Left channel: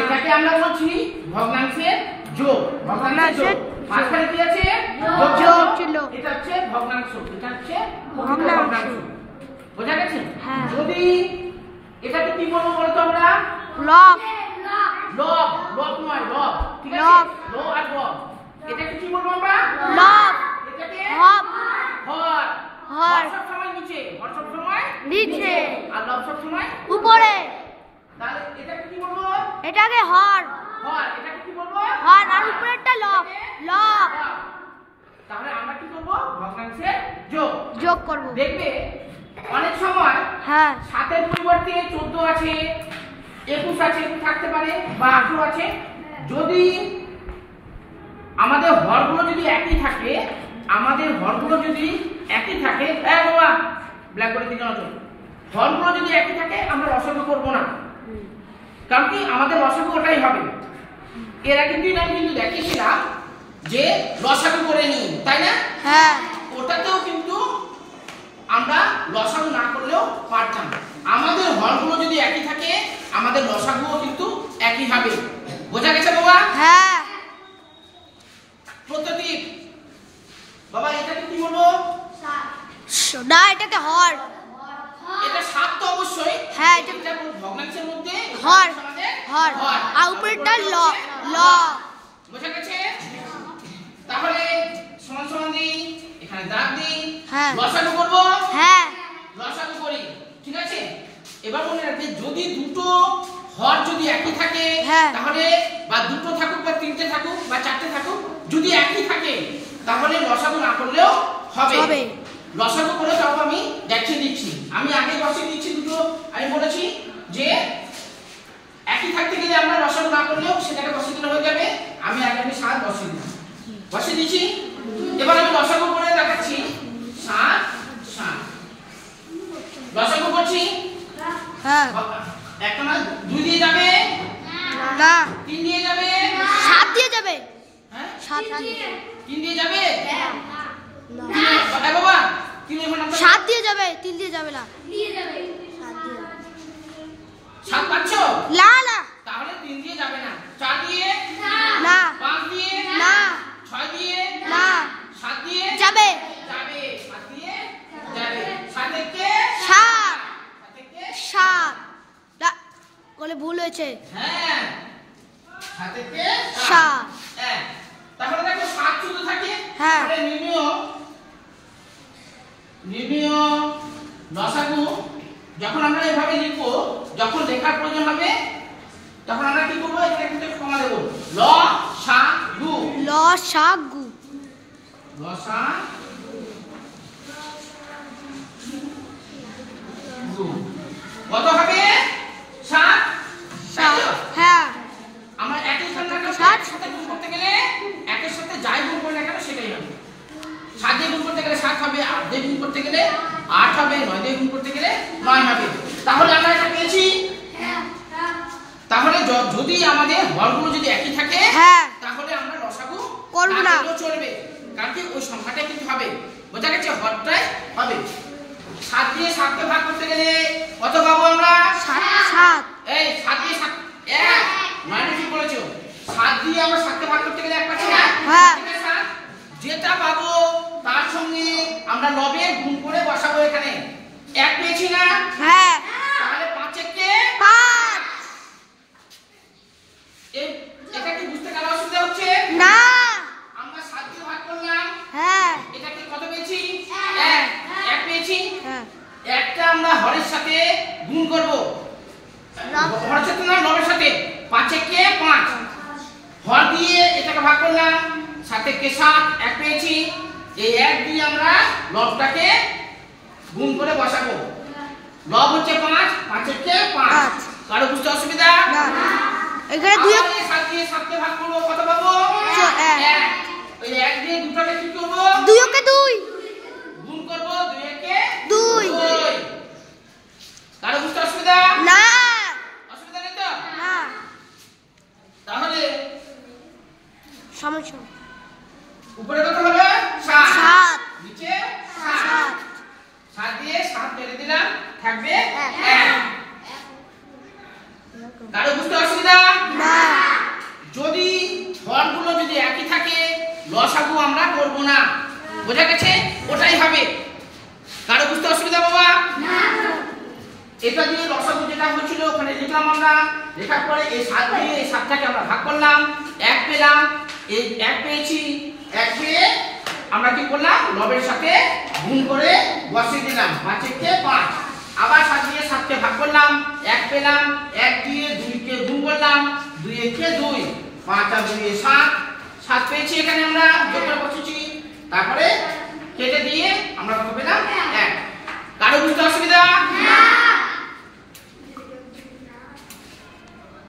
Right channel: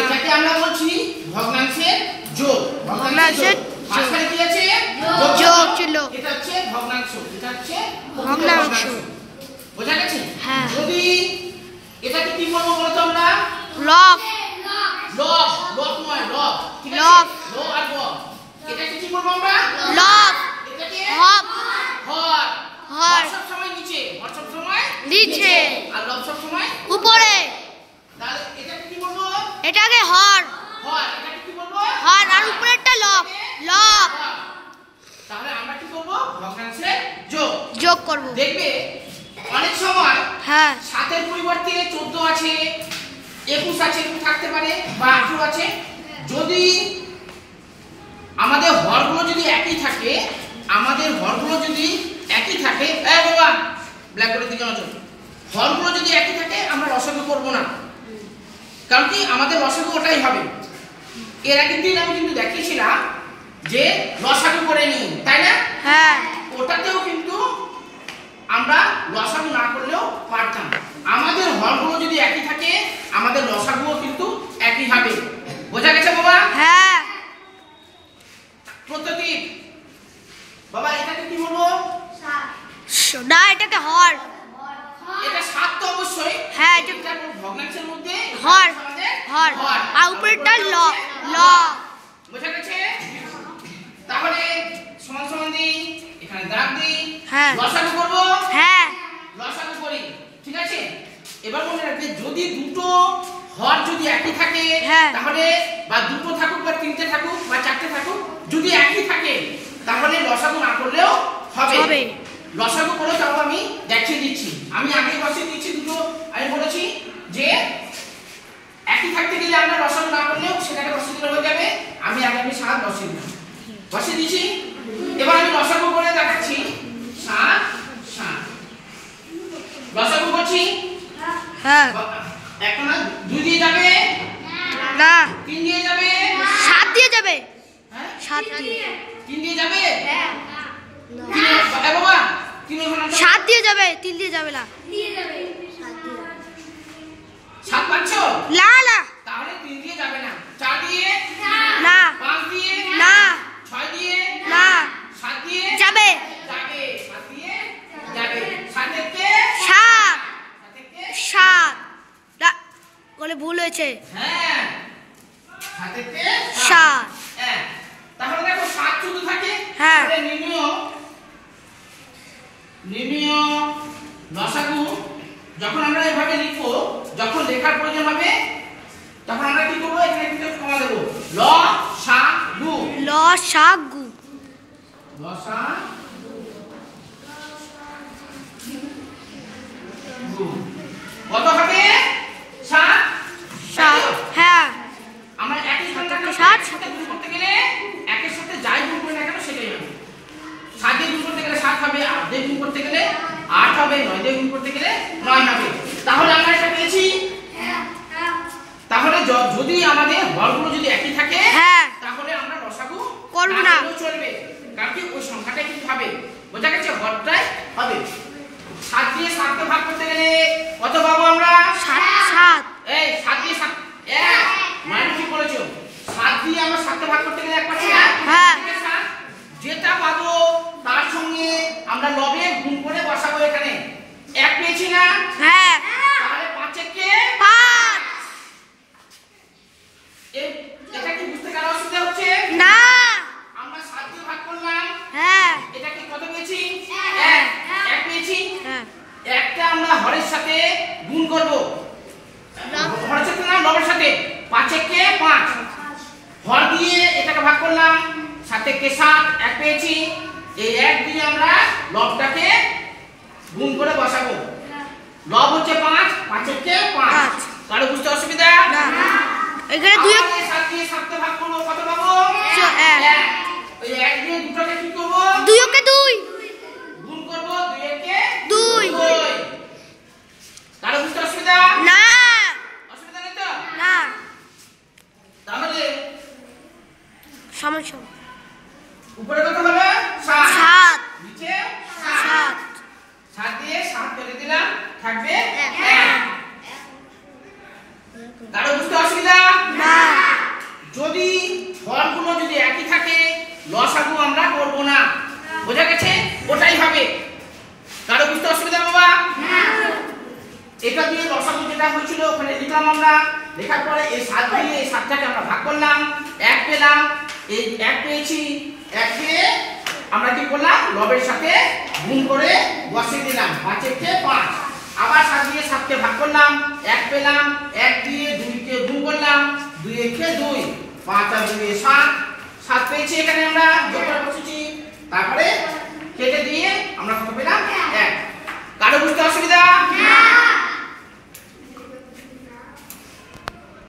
এটাকে আমরা বলছি ভগ্নাংশের যোগ। ভগ্নাংশের মাঝখানে কি আছে? যোগ ছিল। এটা হচ্ছে ভগ্নাংশ, এটা হচ্ছে ভগ্নাংশ। বোঝা গেছে? যদি এটাকে কি বলবো বলো তো আমরা? লব। লব, লব নয় লব। ঠিক আছে? ল আর ব। এটাকে কি বলবো আমরা? লব। এটাকে হর। হর। হর সব সময় নিচে, হর সব সময় নিচে, আর লব সব সময় উপরে। তাহলে এটাকে কি বলবো? এটাকে হর। হর। এটাকে কি বলবো? হর আর উপরেরটা লব। লব। তাহলে আমরা কি করব? ভগ্নাংশের যোগ যোগ করব। দেখবে অনেক সময় 7 এর পরিবর্তে 14 আছে, 21 আছে, এরকম থাকতে পারে, বা 18 আছে। যদি আমাদের হরগুলো যদি একই থাকে, এই বাবা ব্ল্যাকবোর্ডের দিকে নজর, হরগুলো যদি একই থাকে আমরা লসাগু করব না, কারণ কি আমাদের লসাগু ওটাই হবে। এর আগের দিন আমি কিন্তু দেখিয়েছিলাম যে লসাগু করে নিই, তাই না? ওটাতেও কিন্তু আমরা লসাগু না করলেও পারতাম। আমাদের হরগুলো যদি একই থাকে আমাদের লসাগুও কিন্তু একই হবে। বোঝা গেছে বাবা? প্রতীক বাবা এটাকে কি বলবো? না, এটাকে হর। এটা 7 তো অবশ্যই। এটা ভগ্নাংশের মধ্যে হর। হর আর উপরেরটা ল। ল। বোঝা গেছে? তাহলে সমান সমান দিই, এখানে দাগ দিই, লসাগু করব। লসাগু করি, ঠিক আছে? এবার মনে রাখবে যদি দুটো হর যদি একই থাকে তাহলে, বা দুটো থাকুক বা তিনটে থাকুক বা চারটে থাকুক, যদি একই থাকে তাহলে লসাগু না করলেও হবে। লসাগু করে তাও আমি দেখিয়ে দিচ্ছি। আমি আগে বসিয়ে দিচ্ছি দুটো। আমি বলেছি যে একই থাকতে গেলে আমরা লসাগু না করলেও সেটাকে বসিয়ে দিলে হয়ে যাবে। আমি 7 বসিয়ে দিলাম, বসিয়ে দিচ্ছি। এবার আমি লসাগু করে দেখাচ্ছি। 7 7 লসাগু করছি। একটা না 2 দিয়ে যাবে না, 3 দিয়ে যাবে, 7 দিয়ে যাবে। 7 দিয়ে 3 দিয়ে যাবে। এ বাবা 7 দিয়ে যাবে, 3 দিয়ে যাবে না। 7 পাচ্ছ? না না, তাহলে 3 দিয়ে যাবে না। 4 দিয়ে না, 5 দিয়ে না, 6 দিয়ে না, 7 দিয়ে যাবে। 7 দিয়ে যাবে। 7 থেকে 7 7 না, বলে ভুল হয়েছে। 7 থেকে 7। তাহলে দেখো 7 শুধু থাকে। তাহলে নির্ণয় লসাগু যখন আমরা এভাবে লিখবো, যখন লেখার প্রয়োজন হবে তখন আমরা কি করব? এখানে কিন্তু কমা দেব। লসাগু। লসাগু। কত হবে? 7। আমরা একই সংখ্যাকে 7 সাথে গুণ করতে গেলে একের সাথে যাই গুণ করি না কেন সেটাই হবে। 7 দিয়ে গুণ করতে গেলে 7 হবে, 8 দিয়ে গুণ করতে গেলে 8 হবে, 9 দিয়ে গুণ করতে গেলে 9 হবে। তাহলে আমরা এটা পেয়েছি। তাহলে যদি আমাদের হরগুলো যদি একই থাকে তাহলে আমরা লসাগু করব না, চলবে, কারণ কি ওই সংখ্যাটাই কিন্তু হবে। বোঝা গেছে? হরটাই হবে। 7 দিয়ে 7 কে ভাগ করতে গেলে কত পাবো আমরা? 7। এই 7 দিয়ে 7 মানে কি বলেছো? 7 দিয়ে আমরা 7 কে ভাগ করতে গেলে 1 পাচ্ছি না? যেটা পাবো তার সঙ্গে আমরা লবে গুণ করে বসাবো। এখানে 1 পেয়েছি না? তাহলে 5 কে 5। এটা কি বুঝতে কারো অসুবিধা হচ্ছে? না। আমরা 7 দিয়ে ভাগ করলাম। এটা কি কত পেয়েছি? 1 পেয়েছি। একটা আমরা হরের সাথে গুণ করব। হরের সাথে না, লবের সাথে। 5 কে 5। হর দিয়ে এটাকে ভাগ করলাম, 7 কে 7, 1 পেয়েছি। এই 1 দিয়ে আমরা লবটাকে গুণ করে বসাবো। লব হচ্ছে 5, 5 কে 5। কারো বুঝতে অসুবিধা? না। এখানে 2 7 দিয়ে 7 কে ভাগ করব, কত পাবো? 1। ওই 1 দিয়ে দুটোকে কি করব? 2 কে 2 গুণ করব, 2 কে 2। কারো বুঝতে অসুবিধা? না। অসুবিধা নেই তো? না। তাহলে সমান সমান। উপরে কত হলো? 7। নিচে 7। 7 দিয়ে 7 কেটে দিলাম, থাকবে 1। কারো বুঝতে অসুবিধা? না। লসাগু আমরা করবো না। বোঝা গেছে? ওটাই হবে। কারো বুঝতে অসুবিধা বাবা? এটা দিয়ে লসাগু যেটা হয়েছিল ওখানে লিখলাম আমরা। লেখার পরে এই 7 দিয়ে এই 7টাকে আমরা ভাগ করলাম, 1 পেলাম। এই 1 পেয়েছি, 1 পেয়ে আমরা কি করলাম, লবের সাথে গুণ করে বসিয়ে দিলাম। 5 কে 5। আবার 7 দিয়ে 7কে ভাগ করলাম, 1 পেলাম। 1 দিয়ে 2 কে গুণ করলাম, 2 কে 2, 5 আর 2 7। 7 পেয়েছি এখানে আমরা যোগ করে বসেছি। তারপরে কেটে দিয়ে আমরা কত পেলাম? 1। কারো বুঝতে অসুবিধা?